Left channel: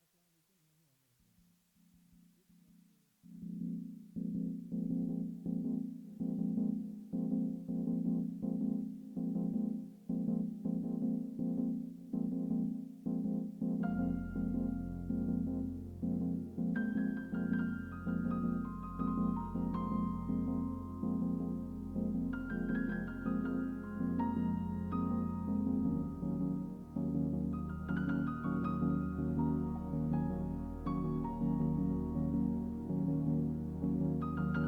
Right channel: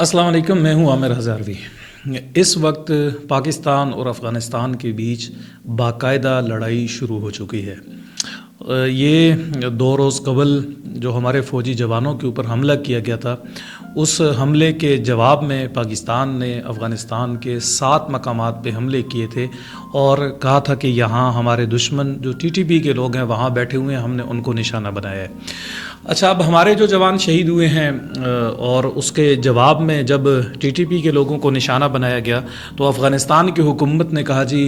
अस्सलाम वालेकुम, मैं हूं आमिर हज़ारवी। इस वक्त पाकिस्तान और अफ़गानिस्तान के बीच बाकायदा लड़ाई शुरू हो चुकी है। ये 2 रोज़ कबल जो हमारे फ़ौजी जवानों के ऊपर हमला किया गया था, उस हमले के जवाब में पाकिस्तान ने अफ़गानिस्तान के 7 मकामात पे हमले किए थे और कहा था कि यहाँ हमारे दुश्मन जो टीटीपी के लोग हैं वहाँ बैठे हुए हैं, हमने उनको निशाना बनाया है। अच्छा, अब हमारे जो जवान शहीद हुए हैं और उसके जवाब में जब टीटीपी के लोगों को निशाना बनाया गया तो अफ़गानिस्तान की हुकूमत ने कहा जी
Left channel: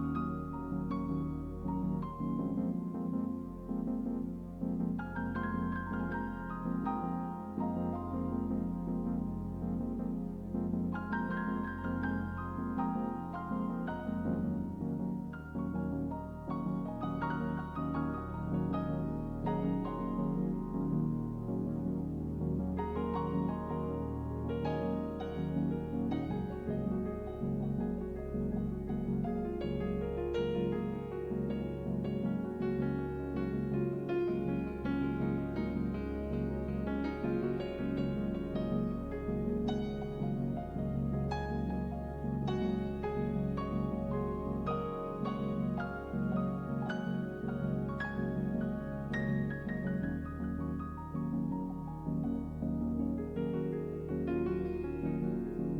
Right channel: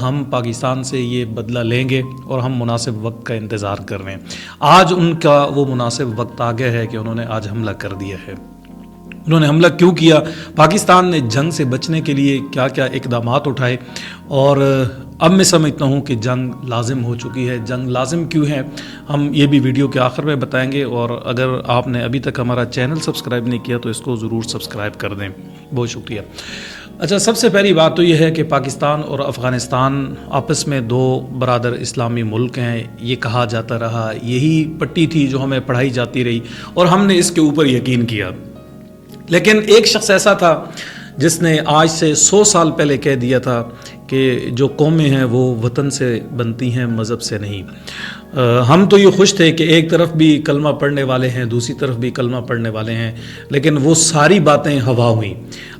हम पाकिस्तान से ये बदला लेंगे और हम मुनासिब वक्त का इंतज़ार कर रहे हैं। आज उनका वो मुनासिब वक्त आ गया है कि उन्होंने आज हमला कर दिया है। उन्होंने हमला क्यों किया, पाकिस्तान ने जंग से बचने के लिए क्या क्या इक़दामात उठाए, और अब मैं समझता हूँ कि जंग लाजिम हो चुकी है। जंग लाजिम क्यों है, हम ये भी वीडियो के आखिर में बताएंगे। और अगर आपने अभी तक हमारा चैनल सब्सक्राइब नहीं किया तो इसको ज़रूर सब्सक्राइब कर दें, बहुत शुक्रिया। अच्छा, सबसे पहली बात तो ये है कि पाकिस्तान और अफ़गानिस्तान आपस में 2 बरादर इस्लामी मुल्क हैं, ये कहा जाता रहा, यही पट्टी थी जो हमें पढ़ाई जाती रही और हमने इसके ऊपर यकीन किया। लेकिन एक शख्स ऐसा था जिसने आज से 100 साल पहले कह दिया था कि जो कौमें हैं वो वतन से बनती हैं, मज़हब से नहीं। हम तो ये खुश थे कि एक तरफ भी कलमा पढ़ने वाले हैं, दूसरी तरफ भी कलमा पढ़ने वाले हैं, लेकिन वो सारी बातें हवा हुई।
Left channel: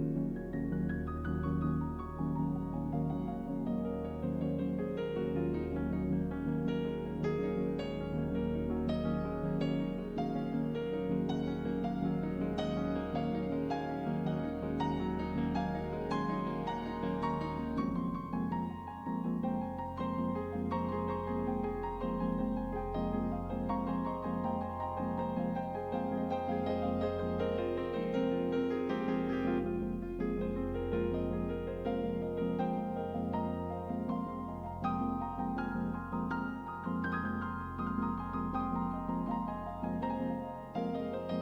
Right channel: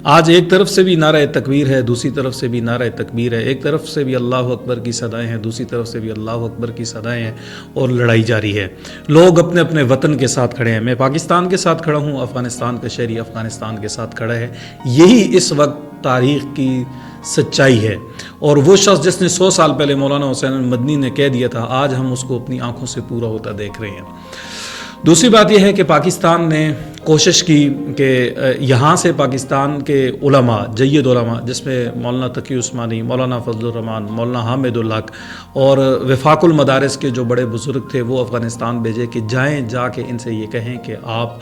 आज एक तरफ से भी नारा तकबीर है, दूसरी तरफ से भी नारा तकबीर है, एक तरफ से भी अल्लाह अकबर की सदाएं हैं, दूसरी तरफ से भी अल्लाह अकबर की सदाएं हैं, और लड़ाई जारी है। लोग अपने अपने वतन के साथ खड़े हैं। मैं पाकिस्तान के साथ खड़ा हूँ, अफ़गानिस्तान का शहरी अफ़गानिस्तान के साथ खड़ा है। यही इस वक्त तारीख़ की सच्चाई है। और वो शख्स जिसने 100 साल पहले मौलाना हुसैन मदनी ने कह दिया था, आज हम उसको अपनी आंखों से पूरा होता देख रहे हैं। दूसरी बात यह है कि पाकिस्तान ने कोशिश की कि यहाँ से पाकिस्तान के उलमा, जय्यद उलमा, जिसमें मौलाना तकी उस्मानी, मौलाना फजलुर रहमान, मौलाना हामिदुल हक और वफाकुल मदारिस के जो बड़े बुजुर्ग थे, वो अफ़गानिस्तान भेजे कि जाएँ, जाके इनसे ये कहें कि आप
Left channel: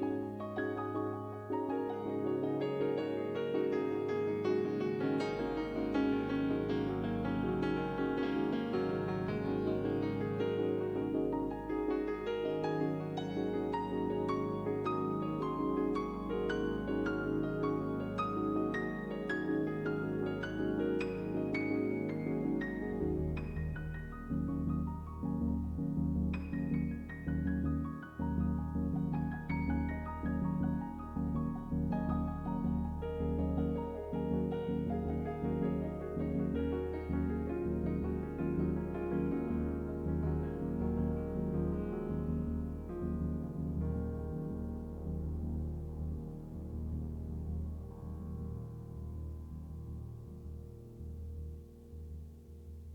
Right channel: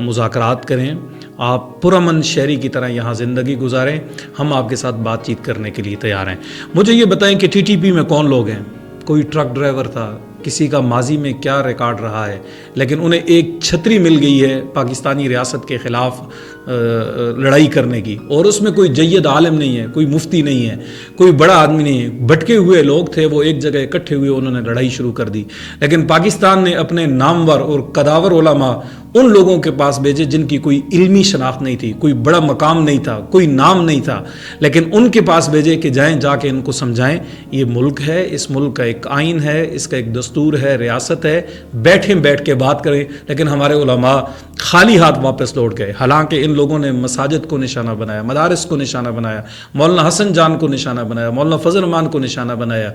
मुज़ाकरात करें, आप पुरअमन शहरी की तरह यहाँ ज़िंदगी गुजारें, हम आपके साथ बातचीत करने के लिए तैयार हैं। मुझे ये बताएं कि टीटीपी में कौन लोग हैं। कोई ट्रक ड्राइवर था, किसी का माजी में क्या रिकॉर्ड रहा है, लेकिन उन्हें एक छतरी मिल गई है पाकिस्तानी रियासत के ख़िलाफ़ लड़ाई करने की, और उसमें कोई जय्यद आलिम नहीं है, कोई मुफ्ती नहीं है, कोई बड़ा आदमी नहीं है। भटके हुए लोग थे, वो एक जगह इकट्ठे हुए, उन्होंने लड़ाई शुरू कर दी। लेकिन पाकिस्तान ने अपने नामवर और कदावर उलमा उन लोगों के पास भेजे जिनकी कोई इल्मी शनाख्त नहीं थी, कोई बड़ा मकाम नहीं था, कोई नाम नहीं था, लेकिन उनके पास भेजे कि जाएँ, जाके इनको समझाएं ये मुल्क है, इस मुल्क का एक आइन है, इसका एक दस्तूर है, रियासत है, बैठ के बात करें। लेकिन हमारे उलमा खाली हाथ वापस लौट गए। हालांकि इन लोगों ने मसाजिद को निशाना बनाया, मदारिस को निशाना बनाया, मौलाना हसन जान को निशाना बनाया, मौलाना फजल रहमान को निशाना बनाया,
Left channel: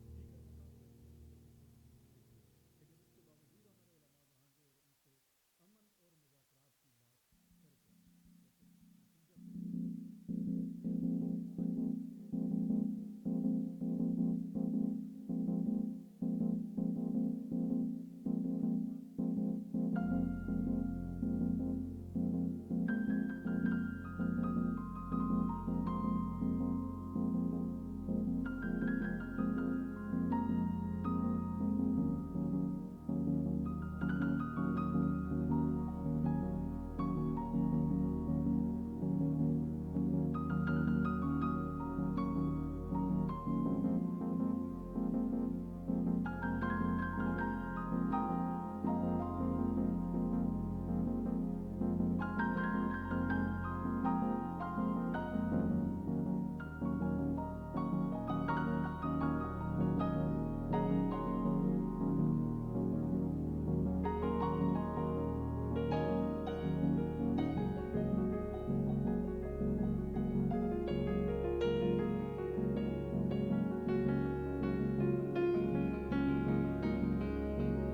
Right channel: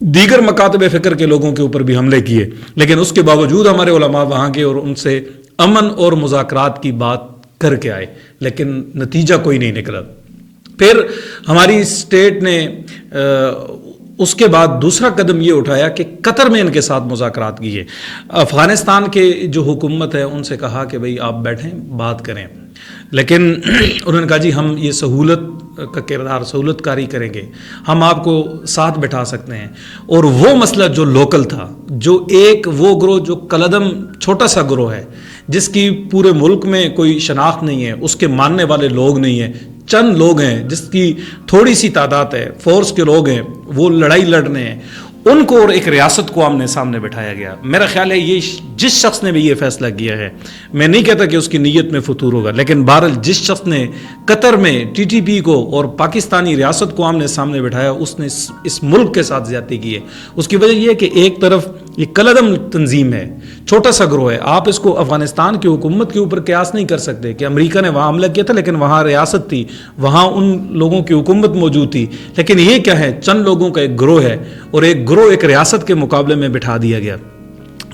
दीगर मकातब फ़िक्र के लोगों के ऊपर भी हमले किए। लेकिन उसके बावजूद हमारे उलमा वहाँ के और उनसे अमन और मुज़ाकरात की बात करके आए, लेकिन नतीजा कोई नहीं निकला। फिर हमारी स्टेट ने उसके बाद दूसरा कदम ये उठाया कि कतर में इनके साथ मुज़ाकरात किए। अफ़गानिस्तान के जो हुकूमत है उनसे कहा कि भाई आप बैठें, बात करें, लेकिन उन्होंने कहा जी हम ये सहूलत का किरदार, सहूलतकारी करेंगे, हम आपको साथ बैठा सकते हैं। और वो मसला जो लोकल था, जो एक वो ग्रोह जो कलदम छोटा सा ग्रोह है, जिसकी पूरे मुल्क में कोई शनाख्त नहीं है, उसके मानने वाले लोग नहीं हैं, चंद लोग हैं जिसकी थोड़ी सी तादाद है, फोर्स के लोग हैं, वो लड़ाई लड़ रहे हैं, उनको और एक रियासत को आमने सामने बिठाया गया। मेरा ख्याल है ये जिस शख्स ने भी ये फैसला किया है, मैं नहीं कहता कि उसकी नीयत में फतूर होगा, लेकिन बहरहाल जिस शख्स ने कतर में टीटीपी को और पाकिस्तानी रियासत को आमने सामने बिठाया, उसने इस मुल्क के साथ ज्यादती की है। उसकी वजह यह है कि एक तरफ ये कलदम तंजीम है, छोटा सा ग्रोह है। आप इसको अफगानिस्तान की हुकूमत के ऊपर कयास नहीं कर सकते कि अमेरिका ने वहाँ हमला किया था, लेकिन वहाँ रियासत थी, वहाँ उन लोगों की हुकूमत मौजूद थी। लेकिन ये क्या है, चंद लोगों का एक ग्रोह है, और एक ग्रोह एक रियासत के मुकाबले में बिठा दिया गया।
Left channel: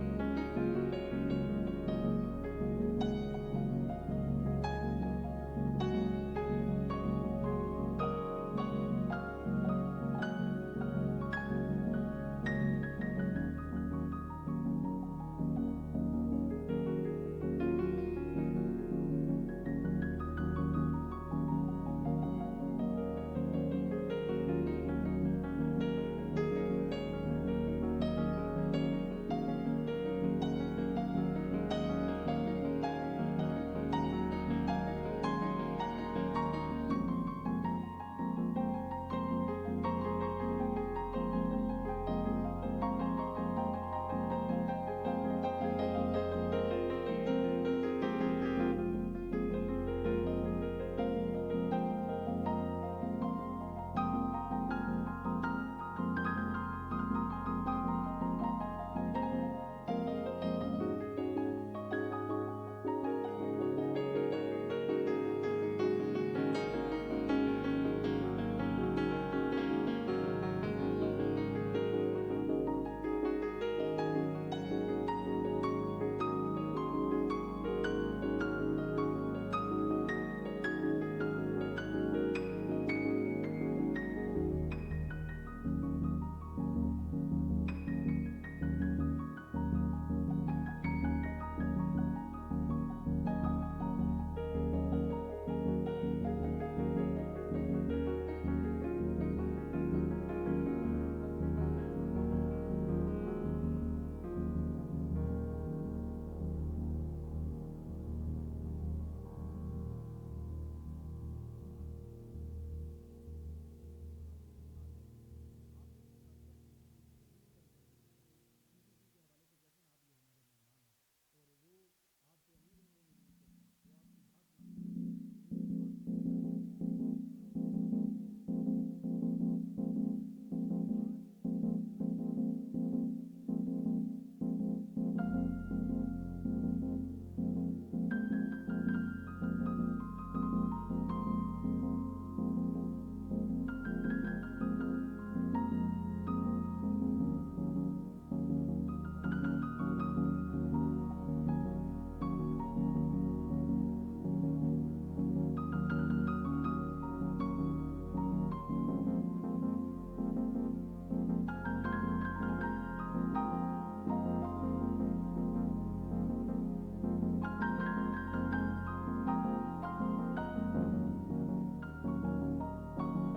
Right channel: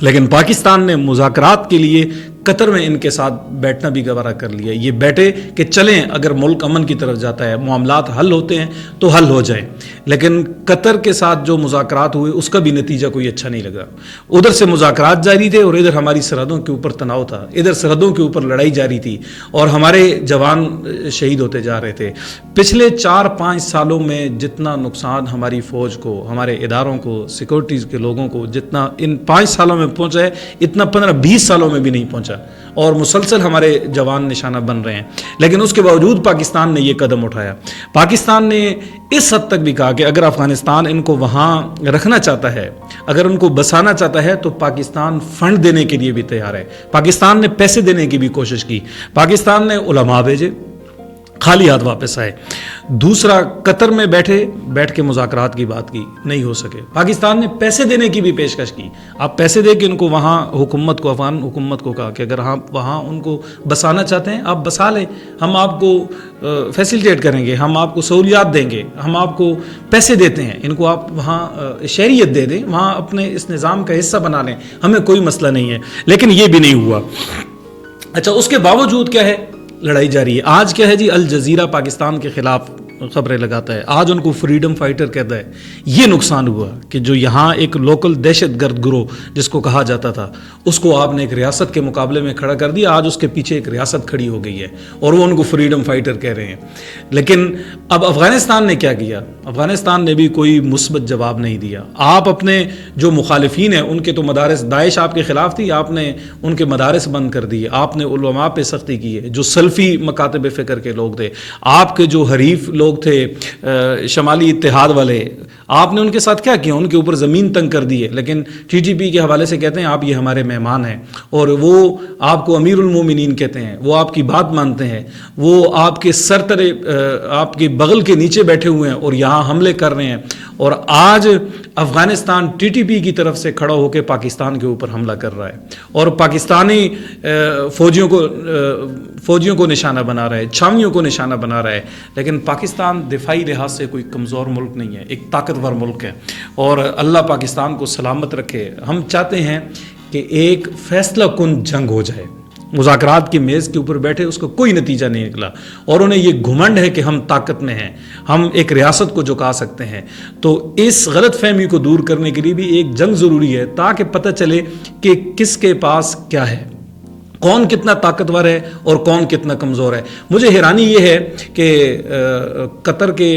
लेकिन पाकिस्तान ने मुज़ाकरात के लिए कतर में इनके साथ बैठना भी गवारा कर लिया। ये बैठे कि चलें, अगर मुल्क अमन की तरफ जाता है, मामलात हल होते हैं तो हल हो जाएं। लेकिन कतर के साथ जो मुज़ाकरात हुए उसका भी नतीजा कोई अच्छा नहीं लगा। उधर से मुज़ाकरात जारी थे और इधर हमारी सरहदों के ऊपर तनाव था, इधर सरहदों के ऊपर लड़ाई जारी थी और हमारे जवान शहीद होते जा रहे थे। पिछले 4-5 सालों में जितना नुकसान हमारी फ़ौज को, हमारे इदारों को, सिक्योरिटीज़ के लोगों को जितना इन 5 सालों में پہنچا ہے اتنا 15-20 سالوں میں بھی نہیں پہنچا، اور مسلسل ہمارے جوان نشانہ بن رہے ہیں، لیکن اس کے باوجود پاکستان نے یہ قدم اٹھایا۔ پاکستان نے اس حد تک بھی کہا کہ اگر افغانستان ان کو وہاں رکھنا چاہتا ہے، اگر ان کو بسانا چاہتا ہے، تو پاکستان فنڈ دینے کے لیے بھی تیار ہے۔ پاکستان نے پیسے دینے کی بھی کوشش کی، پاکستان نے علماء بھیجے، خالی ہاتھ واپس آئے۔ دوسرا، قطر میں بیٹھ کے مذاکرات کی بات کی، نہیں ہو سکے۔ پاکستان نے پیسے دینے کی بھی پیشکش کی، آپ پیسے دے کے ان کو وہاں افغان حکومت کو کہا کہ اگر آپ وہاں ان کو بسانا چاہتے ہیں آپ بسا لیں، ہم آپ کو فیسیلیٹیٹ کریں گے، ہم آپ کو سہولیات دیں گے، ہم آپ کو پیسے دیتے ہیں، ان کو آپ وہاں شہریت دے دیں، وہاں اپنے اس نظام کا حصہ بنا لیں، ہمیں کوئی مسئلہ نہیں ہے۔ لیکن یہ بھی نہیں ہوا۔ اچھا، اس کے باوجود کیا ہے؟ لڑائی جاری ہے۔ آج کیا ہے جی؟ الجزیرہ پاکستان کے خلاف خبریں لگاتا ہے، آج ان کو فریڈم فائٹر کہتا ہے۔ یہ نقصان ہوا کہ جو یہاں ایک لوکل دہشت گرد گروہ جس کو کہا جاتا تھا، اس کو آپ نے ایک ریاست کے مقابلے میں کھڑا کر دیا، آج اس کے پیچھے ایک ریاست کھڑی ہو گئی ہے اور وہ ان کو فریڈم فائٹر کہہ رہے ہیں۔ لیکن اب افغانستان نے کیا کیا؟ افغانستان نے بھی کوئی مثبت جواب نہیں دیا۔ آپ اپنے جو مخالفین ہیں ان کے تو مدارس، داعش آپ کے خلاف تھی، آپ نے ان کے مدارس بند کر دیے، آپ نے علماء پہ سختی کی ہے، جو سلفی مکاتب فکر کے لوگ تھے، آپ کے جو حریف لوگ تھے شمالی اتحاد والے، آپ نے ان کے ساتھ کیا کیا؟ ان کے اوپر زمین تنگ کر دی ہے۔ لیکن ٹی ٹی پی کے حوالے سے کہتے ہیں آپ یہ ہمارے مہمان ہیں، اور وہ آپ کو امیر المومنین کہتے ہیں، وہ آپ کی بات مانتے ہیں، وہ آپ کے آپ کے بغل کے نیچے بیٹھے ہوئے ہیں اور یہاں حملے کر رہے ہیں۔ اور آج افغانستان ٹی ٹی پی کی طرف سے کھڑا ہو کے پاکستان کے اوپر حملہ کر رہا ہے اور پاکستانی فوجیوں کو نشانہ بنا رہا ہے، چھاویوں کو نشانہ بنا رہا ہے۔ لیکن پاکستان دفاعی لحاظ سے کوئی کمزور ملک نہیں ہے، ایک طاقتور ملک ہے، اور اللہ پاکستان کو سلامت رکھے۔ ہم چاہتے ہیں کہ ایک فیصلہ کن جنگ ہو جائے، مذاکرات کی میز کے اوپر بیٹھے، اس کو کوئی نتیجہ نہیں نکلا، اور انہیں یہ گھمنڈ ہے کہ ہم طاقت میں ہیں، ہم ایک ریاست کو جھکا سکتے ہیں۔ تو اس غلط فہمی کو دور کرنے کے لیے بھی ایک جنگ ضروری ہے، تاکہ پتہ چلے کہ کس کے پاس کیا ہے، کون کتنا طاقتور ہے اور کون کتنا کمزور ہے۔ مجھے حیرانی یہ ہے کہ قطر کے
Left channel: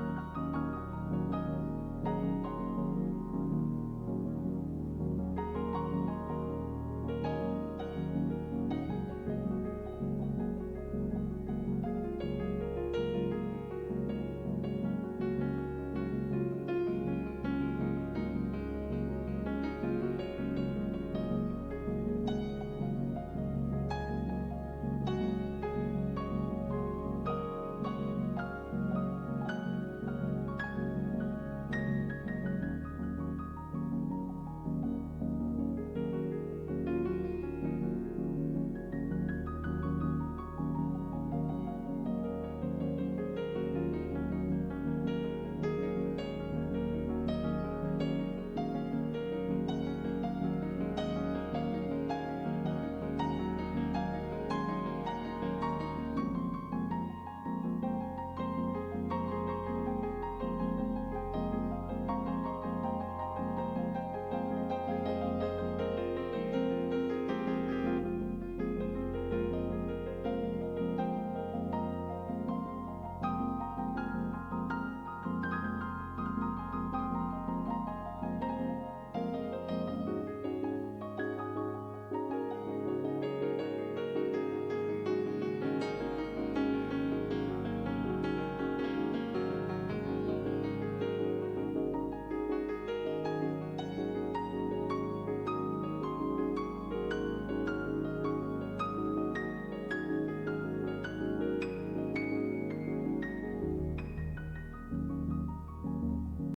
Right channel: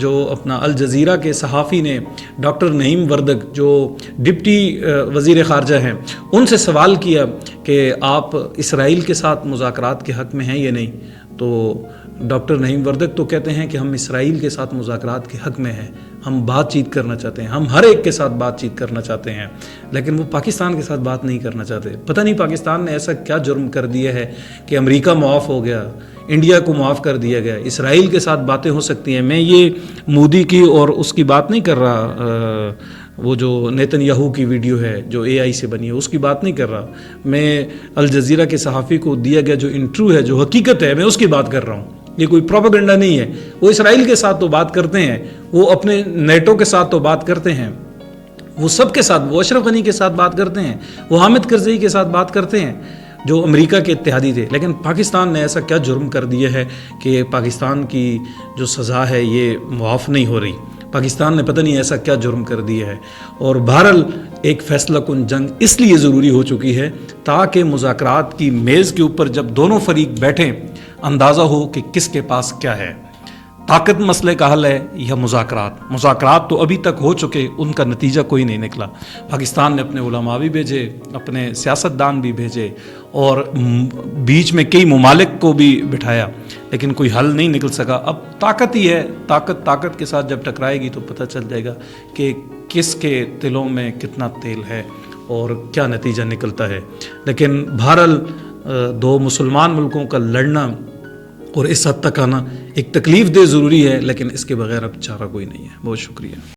جو اپنا الجزیرہ کے صحافی نے ڈاکٹر نعیم وردگ جو ڈپٹی وزیر خارجہ ہیں، ان سے سوال کیا کہ آپ اسرائیل کے ساتھ مذاکرات کے حق میں ہیں یا نہیں، تو ڈاکٹر نعیم وردگ تو کہتے ہیں کہ ہم اسرائیل کے ساتھ مذاکرات کے حق میں ہیں، ہم بات چیت کرنا چاہتے ہیں، ہم ہر ایک کے ساتھ بات چیت کرنا چاہتے ہیں، لیکن وہ پاکستان کے ساتھ بات نہیں کرنا چاہتے۔ پتہ نہیں پاکستان نے ایسا کیا جرم کر دیا ہے کہ امریکہ معاف ہو گیا، انڈیا کو معاف کر دیا گیا، اسرائیل کے ساتھ باتیں ہو سکتی ہیں۔ میں یہ مودی کی اور اس کی بات نہیں کر رہا، وہ جو نیتن یاہو کی ویڈیو ہے جو اے آئی سے بنی ہے، اس کی بات نہیں کر رہا، میں الجزیرہ کے صحافی کو دیا گیا جو انٹرویو ہے، جو حقیقت ہے، میں اس کی بات کر رہا ہوں۔ یہ کوئی پروپیگنڈا نہیں ہے۔ وہ اسرائیل کے ساتھ تو بات کرتے ہیں، وہ اپنے نیٹو کے ساتھ تو بات کرتے ہیں، وہ سب کے ساتھ، وہ اشرف غنی کے ساتھ بات کرتے ہیں، وہ حامد کرزئی کے ساتھ بات کرتے ہیں جو امریکہ کے اتحادی تھے۔ لیکن پاکستان نے ایسا کیا جرم کر دیا ہے کہ پاکستان کی جو سزا ہے یہ معاف نہیں ہو رہی؟ پاکستان نے پتہ نہیں ایسا کیا جرم کر دیا ہے۔ اور بہرحال ایک فیصلہ کن جنگ اس لیے ضروری ہو چکی ہے تاکہ مذاکرات کی میز کے اوپر جب دونوں فریق بیٹھیں، اندازہ ہو کہ کس کے پاس کیا ہے، طاقت مسئلے کا حل ہے یا مذاکرات تو ابھی تک ہو چکے، ان کا نتیجہ کوئی نہیں نکلا۔ پاکستان نے اپنے علماء بھی بھیجے، اپنے سیاستدان بھی بھیجے، اور بیچ میں کئی ممالک کو بھی بٹھایا، لیکن کوئی حل نہیں نکل سکا۔ اب طاقت ہی ہے، طاقت کے ساتھ جب ٹکرائے گی تو پتہ چل جائے گا کہ کس کے دلوں میں کتنا تیل ہے اور کیا نتیجہ نکلتا ہے۔ لیکن بہرحال دو مسلمان ملکوں کا لڑنا اور اس حد تک آنا ایک تکلیف دہ ضروری ہے، لیکن اس کے بغیر اب چارہ کوئی نہیں ہے۔ بہت شکریہ۔